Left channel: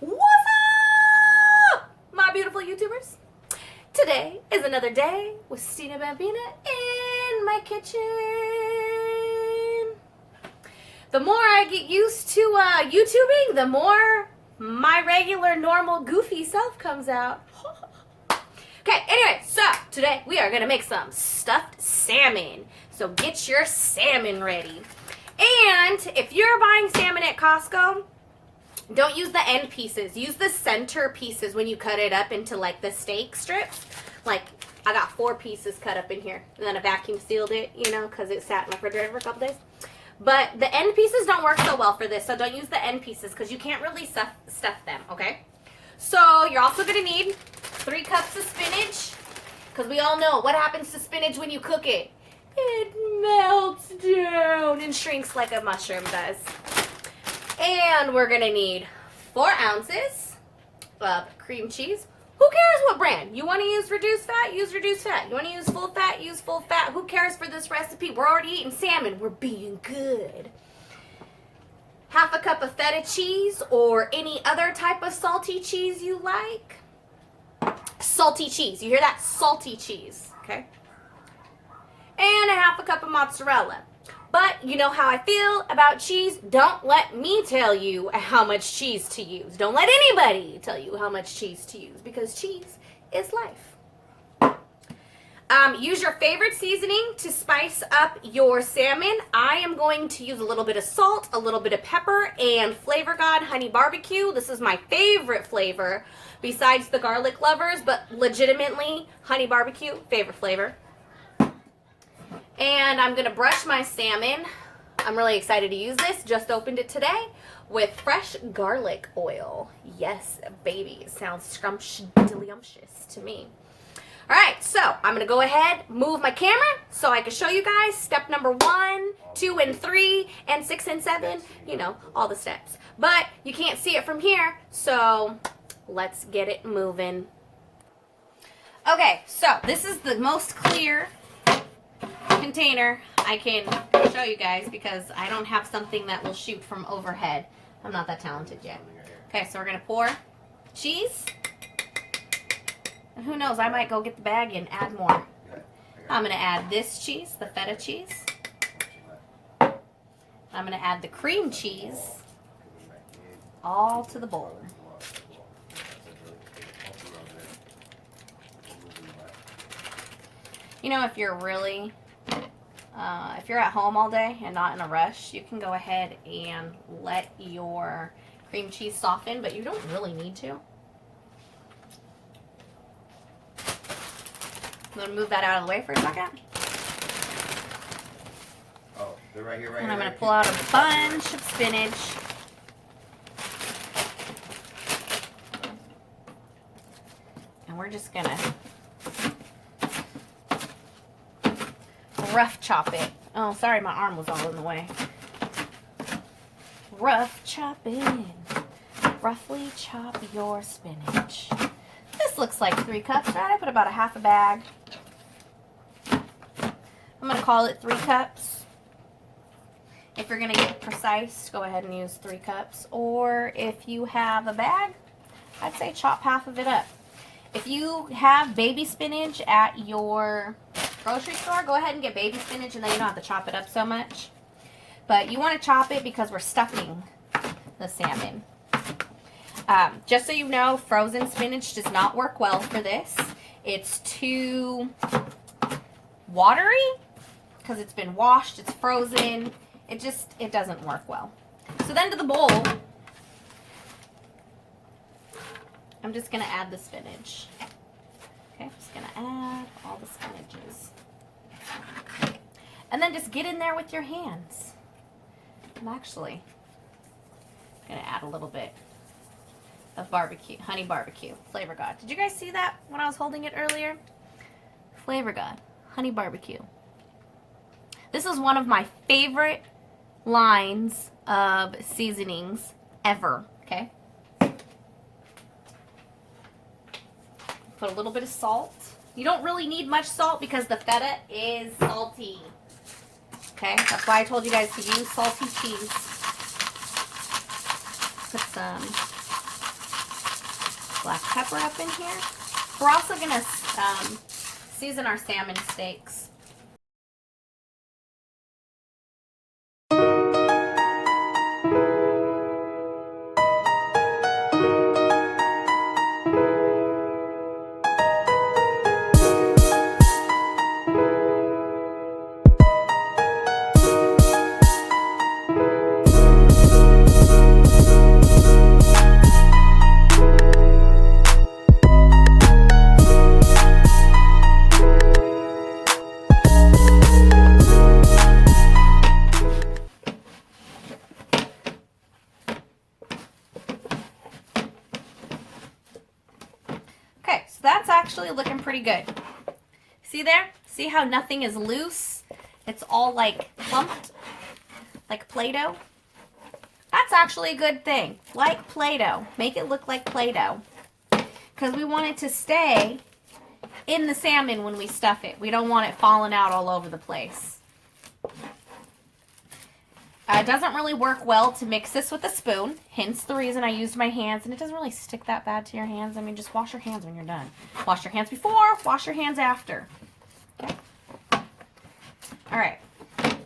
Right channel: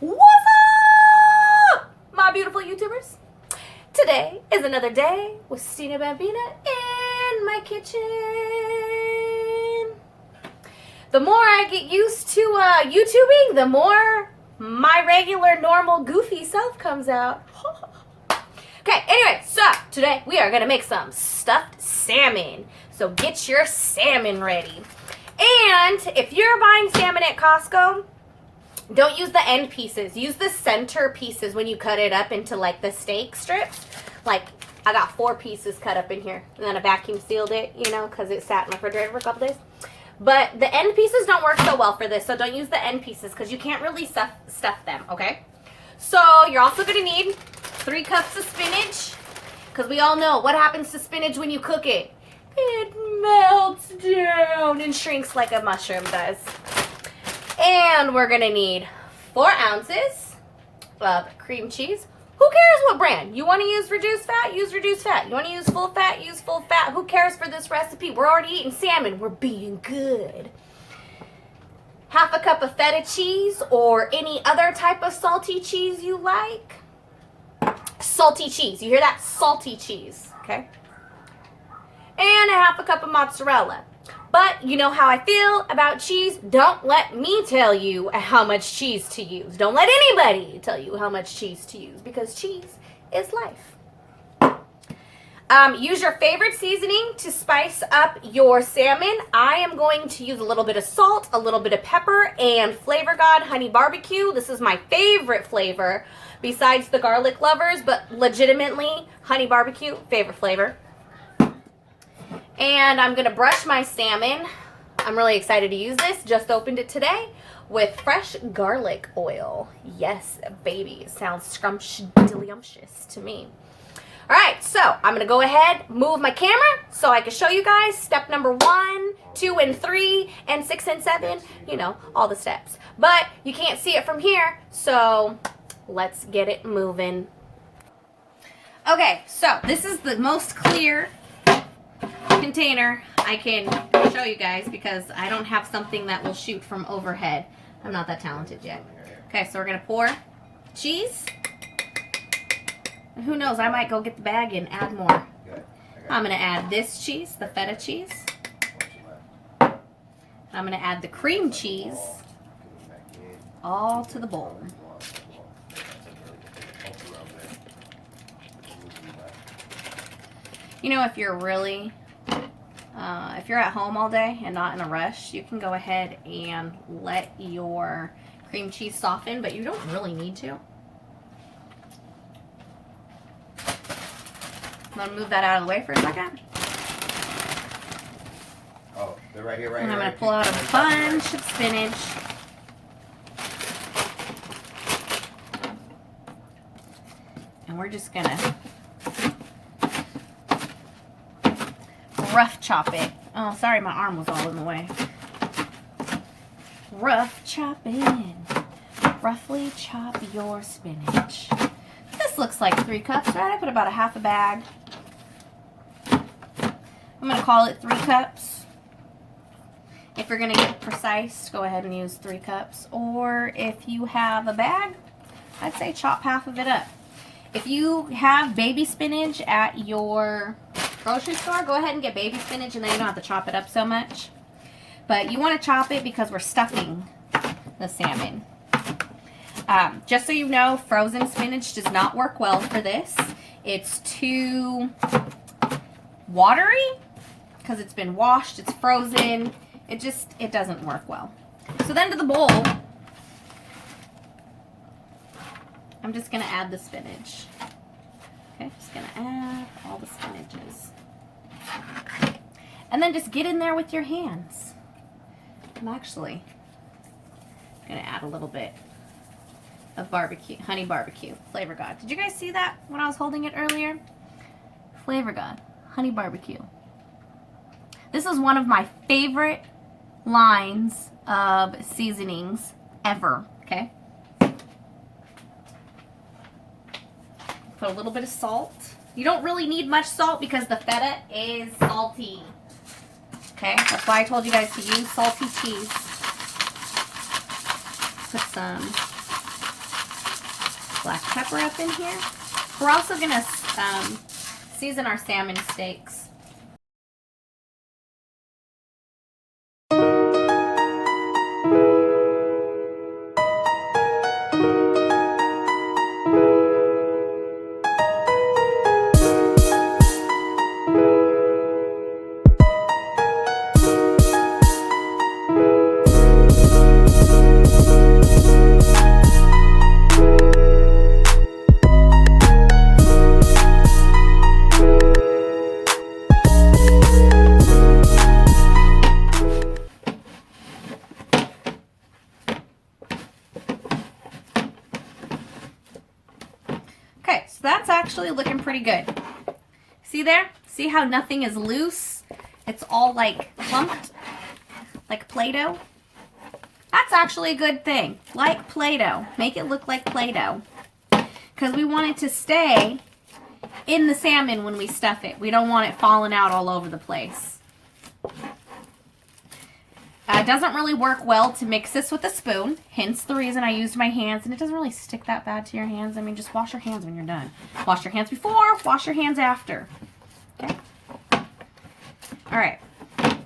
What's up, my beautiful YouTubers? Today is another day with StynaBamBina in my kitchen. The more I get used to YouTubing, the more my regular, normal, goofy self comes out. Okay, anyway, so today we are going to make some stuffed salmon. So get your salmon ready. And if you're buying salmon at Costco, don't use the end pieces. Use the center pieces when you cut it up into like the steak strips. Like I got 4 pieces cut up in here. And then I vacuum sealed it, you know, because it sat in the refrigerator for a couple days. But the end pieces don't work so well for this. So don't use the end pieces because you can't really stuff them, okay? So you're also going to need 3 cups of spinach. Because we all know what happens to spinach when you cook it. It melts down and shrinks like a mushroom does. And we're going to need 4 ounces of cream cheese. Who cares what brand? You want to use reduced fat? Use reduced fat. You want to use full fat? Use full fat. Who cares for this recipe? We're already eating salmon. We're being good. Half a cup of feta cheese or any other type of salty cheese you like. Salty cheese. You hear that? Salty cheese. Okay? And a half a cup of mozzarella. But you know how I feel about cheese. Don't let me tell you how much cheese to use. Don't let anybody tell you how much cheese to use because cheese is life. Use your favorite seasoning to spice up your salmon. I am going to use a little bit of salt, a little bit of pepper, and FlavorGod Honey BBQ. This is my favorite flavor besides the garlic lovers, but legitimately, Honey BBQ, favorite flavor. And I'm going to brush my salmon. I'm really excited to use this. Just opened it today with fresh garlic oil. Yes, baby. Sounds scrumptious to me. All right, so I'm going to go ahead, move my camera so I can show you guys step number 1, 2, and 3, and 6 and 7. You know, all the steps. But you can't see it from here, so let's get it moving. Okay, so this is the most clear container I can show you guys because I don't have something that will shoot from overhead. I'm not that talented yet. Okay, so we're going to pour cheese. And who knows, I might go get the bag and add more. I'm going to add this cheese, the feta cheese. I'm going to add the cream cheese all to the bowl. You know, if you're really, if you're at home all day and not in a rush, you can go ahead and let your cream cheese soften, but you don't really need to. I'm going to move that out of the way for a second. Oh, they're right here, right and here. I'm going to pull out a bunch of spinach. And we're just going to rough chop it. Oh, sorry, my arm was all in the way. Rough chopping. Roughly chop your spinach. This looks like 3 cups, right? I put about a half a bag. I'm going to call it 3 cups. If you're going to get precise, go ahead and use 3 cups. Or if you have a bag, I'd say chop half of it up. If you have baby spinach at your grocery store, go ahead and get baby spinach and then you don't have to chop it up so much. But you want to chop it because we're stuffing the salmon. Just so you know, frozen spinach does not work well for this. It's too watery because it's been washed, it's frozen. It doesn't work well. So then to the bowl, I'm just going to add the spinach. Okay, just going to add all the spinaches. And then just get in there with your hands. I'm actually going to add a little bit of barbecue, honey barbecue, FlavorGod. Did you guys see that when I was holding it earlier? FlavorGod, honey barbecue. This is one of my favorite lines of seasonings ever, okay? Put a little bit of salt. You don't really need much salt because the feta is salty. Okay, that's why I told you guys to use salty cheese. Put some black pepper up in here. We're also going to season our salmon steaks. That's actually looking pretty good. See there? See how nothing is loose? It's all like clumped, like Play-Doh. That's actually a good thing. Like Play-Doh. Make it look like Play-Doh. Because we want it to stay in the salmon when we stuff it. We don't want it falling out all over the place. It doesn't really work well to mix this with a spoon, hence the reason I used my hands, and it doesn't really stick that bad to your hands. I mean, just wash your hands when you're done. Wash your hands before, wash your hands after. Okay? All right. I'm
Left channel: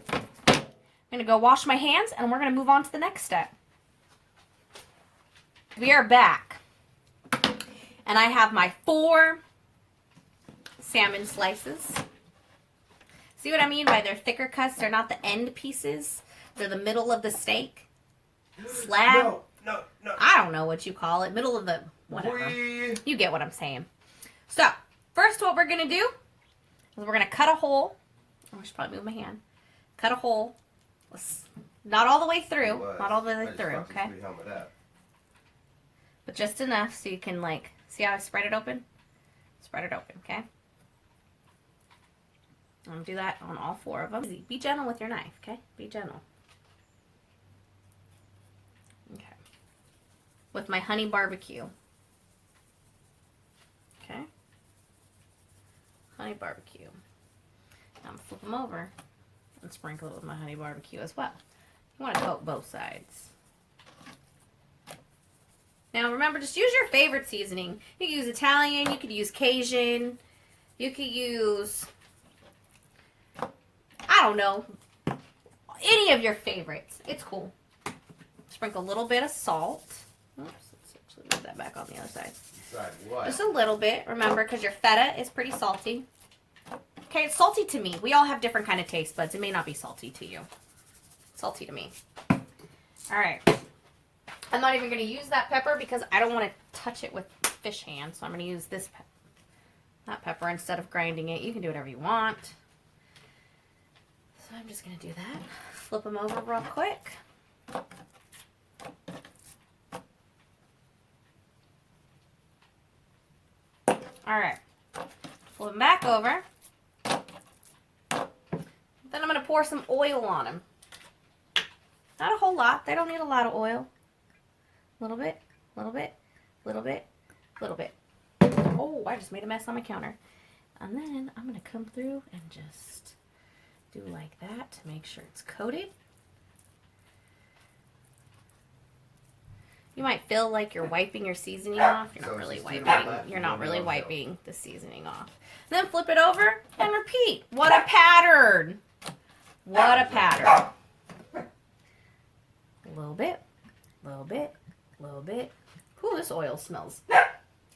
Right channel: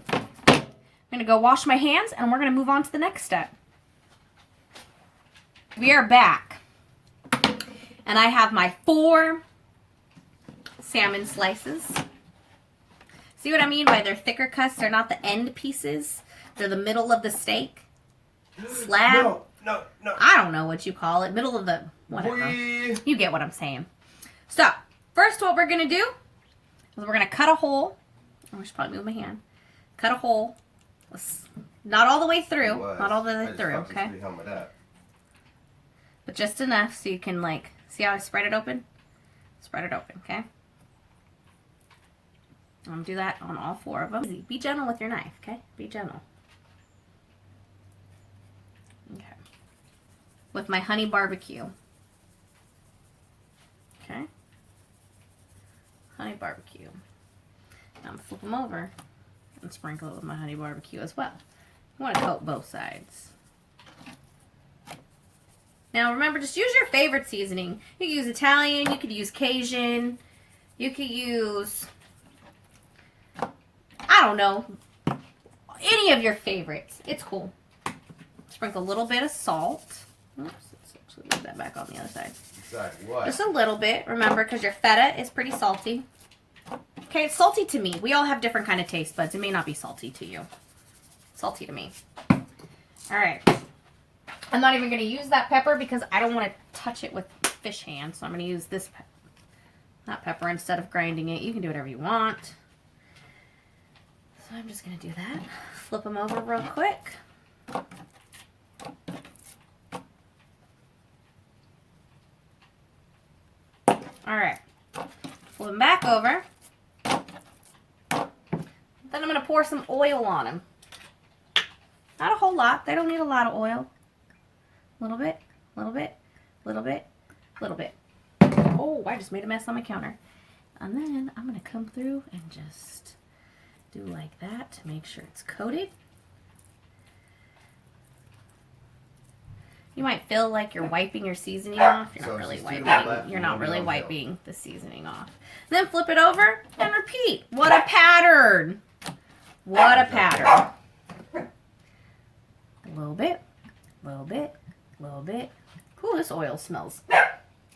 going to go wash my hands, and we're going to move on to the next step. We are back, and I have my 4 salmon slices. See what I mean by they're thicker cuts? They're not the end pieces. They're the middle of the steak. Slab. No. I don't know what you call it. Middle of the whatever. You get what I'm saying. So, first what we're going to do is we're going to cut a hole. I should probably move my hand. Cut a hole. Not all the way through. Not all the way through, okay? But just enough so you can, like, see how I spread it open? Spread it open, okay? I'm going to do that on all 4 of them. Be gentle with your knife, okay? Be gentle. Okay. With my honey barbecue. Okay. Honey barbecue. Now I'm going to flip them over and sprinkle it with my honey barbecue as well. You want to coat both sides. Now remember, just use your favorite seasoning. You could use Italian, you could use Cajun, you could use, I don't know, any of your favorites. It's cool. Sprinkle a little bit of salt. Oops, let's actually move that back on the other side. Side what? Just a little bit, remember, because your feta is pretty salty. Okay, it's salty to me. We all have different kind of taste buds. It may not be salty to you. Salty to me. All right. I'm not even going to use that pepper because I don't want to touch it with fish hands. So I'm going to use this that pepper instead of grinding it. You can do whatever you want. So I'm just going to do that. Flip them over real quick. All right. Flip them back over. Then I'm going to pour some oil on them. Not a whole lot. They don't need a lot of oil. A little bit, little bit, little bit, little bit. Oh, I just made a mess on my counter. And then I'm going to come through and just do like that to make sure it's coated. You might feel like you're wiping your seasoning off. You're not really wiping. You're not really wiping the seasoning off. Then flip it over and repeat. What a pattern. What a pattern. A little bit, little bit, little bit. Ooh, this oil smells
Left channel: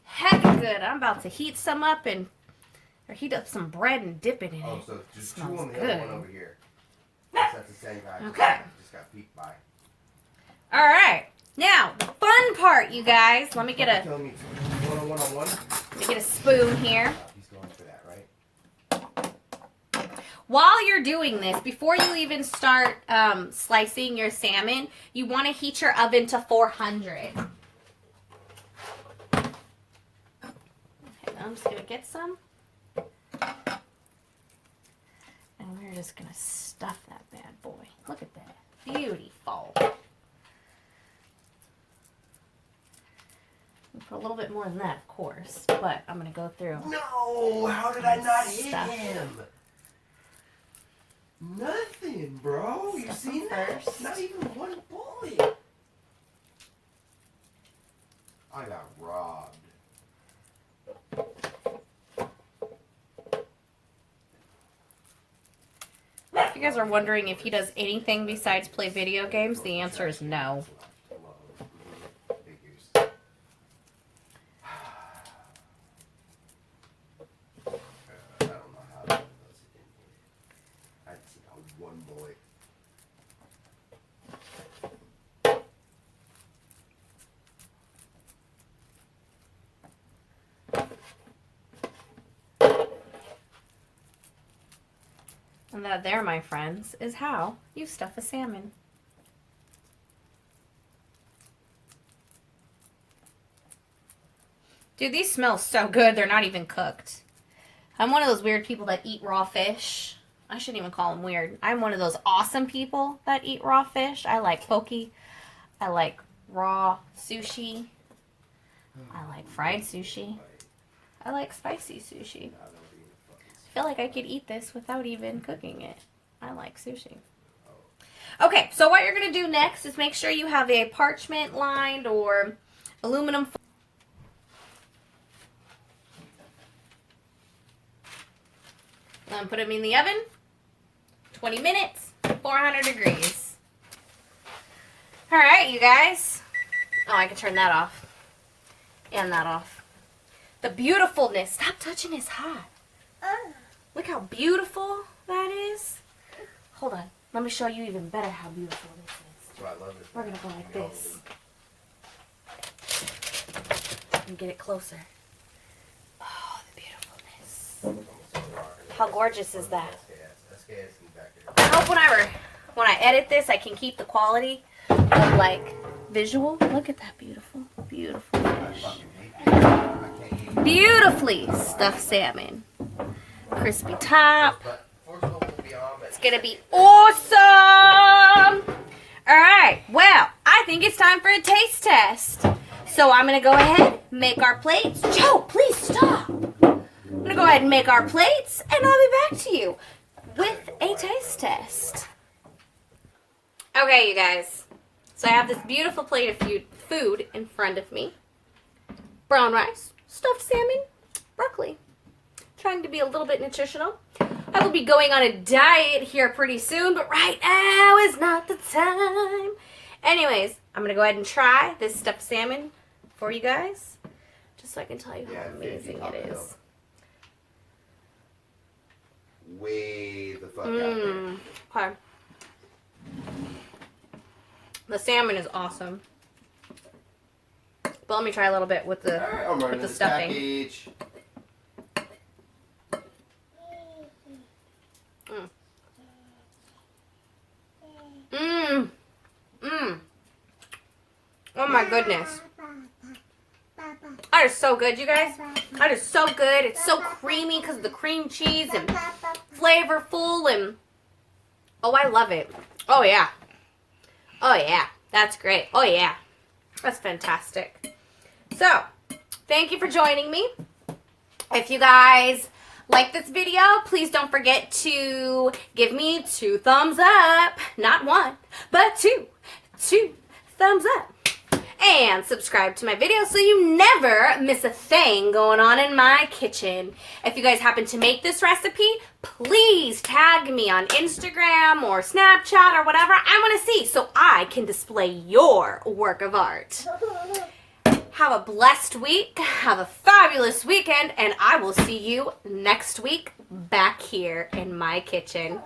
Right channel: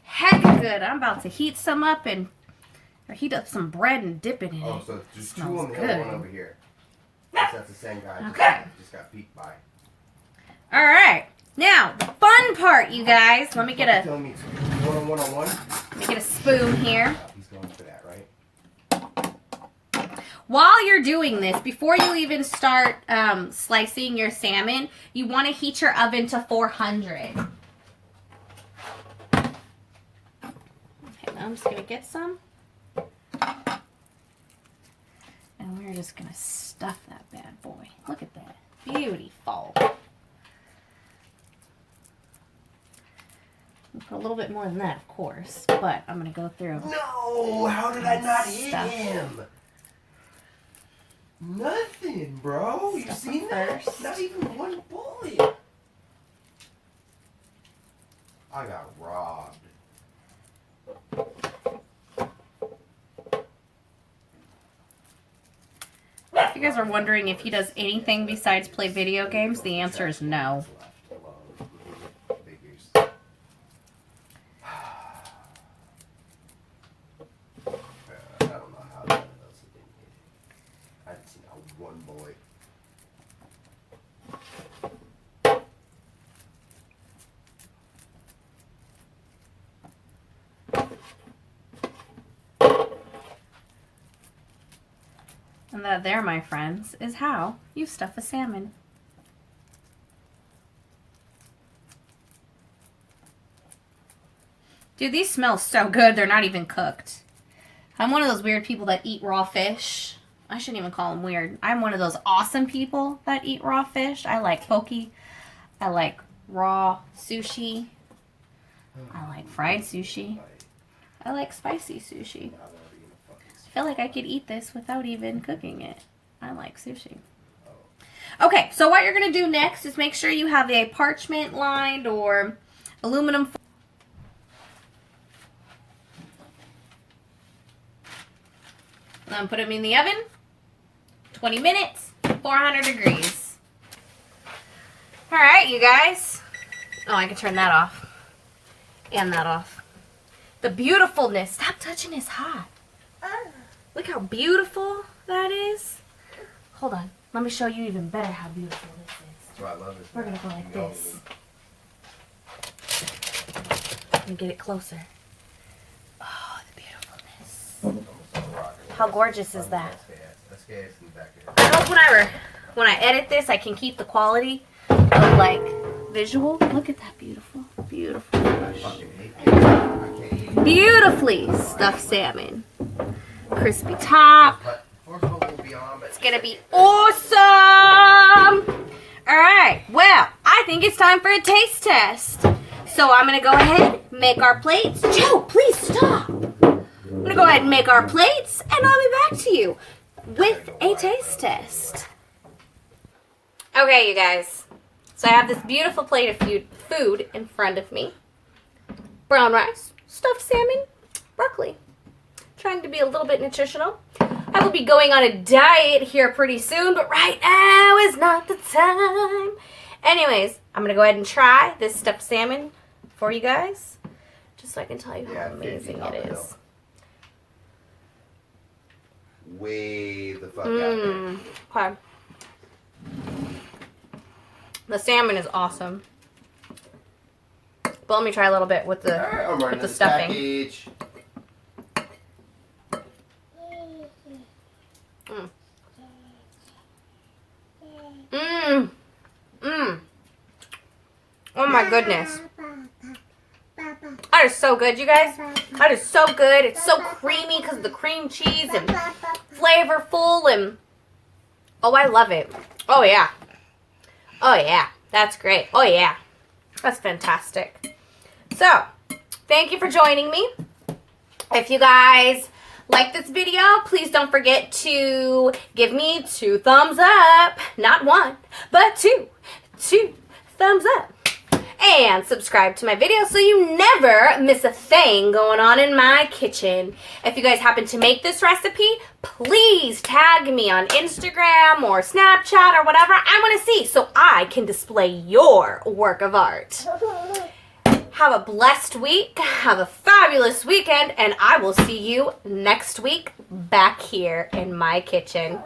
heck good. I'm about to heat some up and or heat up some bread and dip it in it. Oh, so just smells 2 on the good. other one over here. That's the same guy. Okay. Just got peeked by. All right. Now, the fun part, you guys. Let me get a one-on-one. Let me get a spoon here. He's going for that, right? While you're doing this, before you even start slicing your salmon, you want to heat your oven to 400. Okay, I'm just going to get some. And we're just going to stuff that bad boy. Look at that. Beautiful. Put a little bit more than that, of course, but I'm going to go through. No! How did I not hit him? Nothing, bro. You seen that? Not even one bullet. I got robbed. you guys are wondering if he does anything besides play video games, the answer is no. And that there, my friends, is how you stuff a salmon. Dude, these smell so good, they're not even cooked. I'm one of those weird people that eat raw fish. I shouldn't even call them weird. I'm one of those awesome people that eat raw fish. I like poke. I like raw sushi. I like fried sushi. I like spicy sushi. I feel like I could eat this without even cooking it. I like sushi. Okay, so what you're going to do next is make sure you have a parchment lined or aluminum foil. And put them in the oven. 20 minutes, 400 degrees. All right, you guys. Oh, I can turn that off. And that off. The beautifulness. Stop touching his hot. Look how beautiful that is. Hold on. Let me show you even better how beautiful this is. Oh, I love it. We're going to go like this. And get it closer. Oh, the beautifulness. How gorgeous is that? I hope when I edit this, I can keep the quality of, like, visual. Look at that beautiful, beautiful fish. Beautifully stuffed salmon. Crispy top. It's gonna be awesome. All right, well, I think it's time for a taste test. So I'm gonna go ahead, make our plates. Joe, please stop. I'm gonna go ahead and make our plates, and I'll be back to you with a taste test. Okay, you guys. So I have this beautiful plate of food in front of me. Brown rice, stuffed salmon, broccoli. Trying to be a little bit nutritional. I will be going on a diet here pretty soon, but right now is not the time. Anyways, I'm going to go ahead and try this stuffed salmon for you guys, just so I can tell you how amazing it is. Way the fuck out there. Okay. The salmon is awesome. But let me try a little bit with the stuffing. Package. Oh my goodness. That is so good, you guys. That is so good. It's so creamy because of the cream cheese and flavorful and oh, I love it. Oh yeah. Oh yeah. That's great. Oh yeah. That's fantastic. So, thank you for joining me. If you guys like this video, please don't forget to give me 2 thumbs up. Not 1, but 2. 2 thumbs up. And subscribe to my video so you never miss a thing going on in my kitchen. If you guys happen to make this recipe, please tag me on Instagram or Snapchat or whatever I want to see so I can display your work of art. Have a blessed week, have a fabulous weekend, and I will see you next week back here in my kitchen.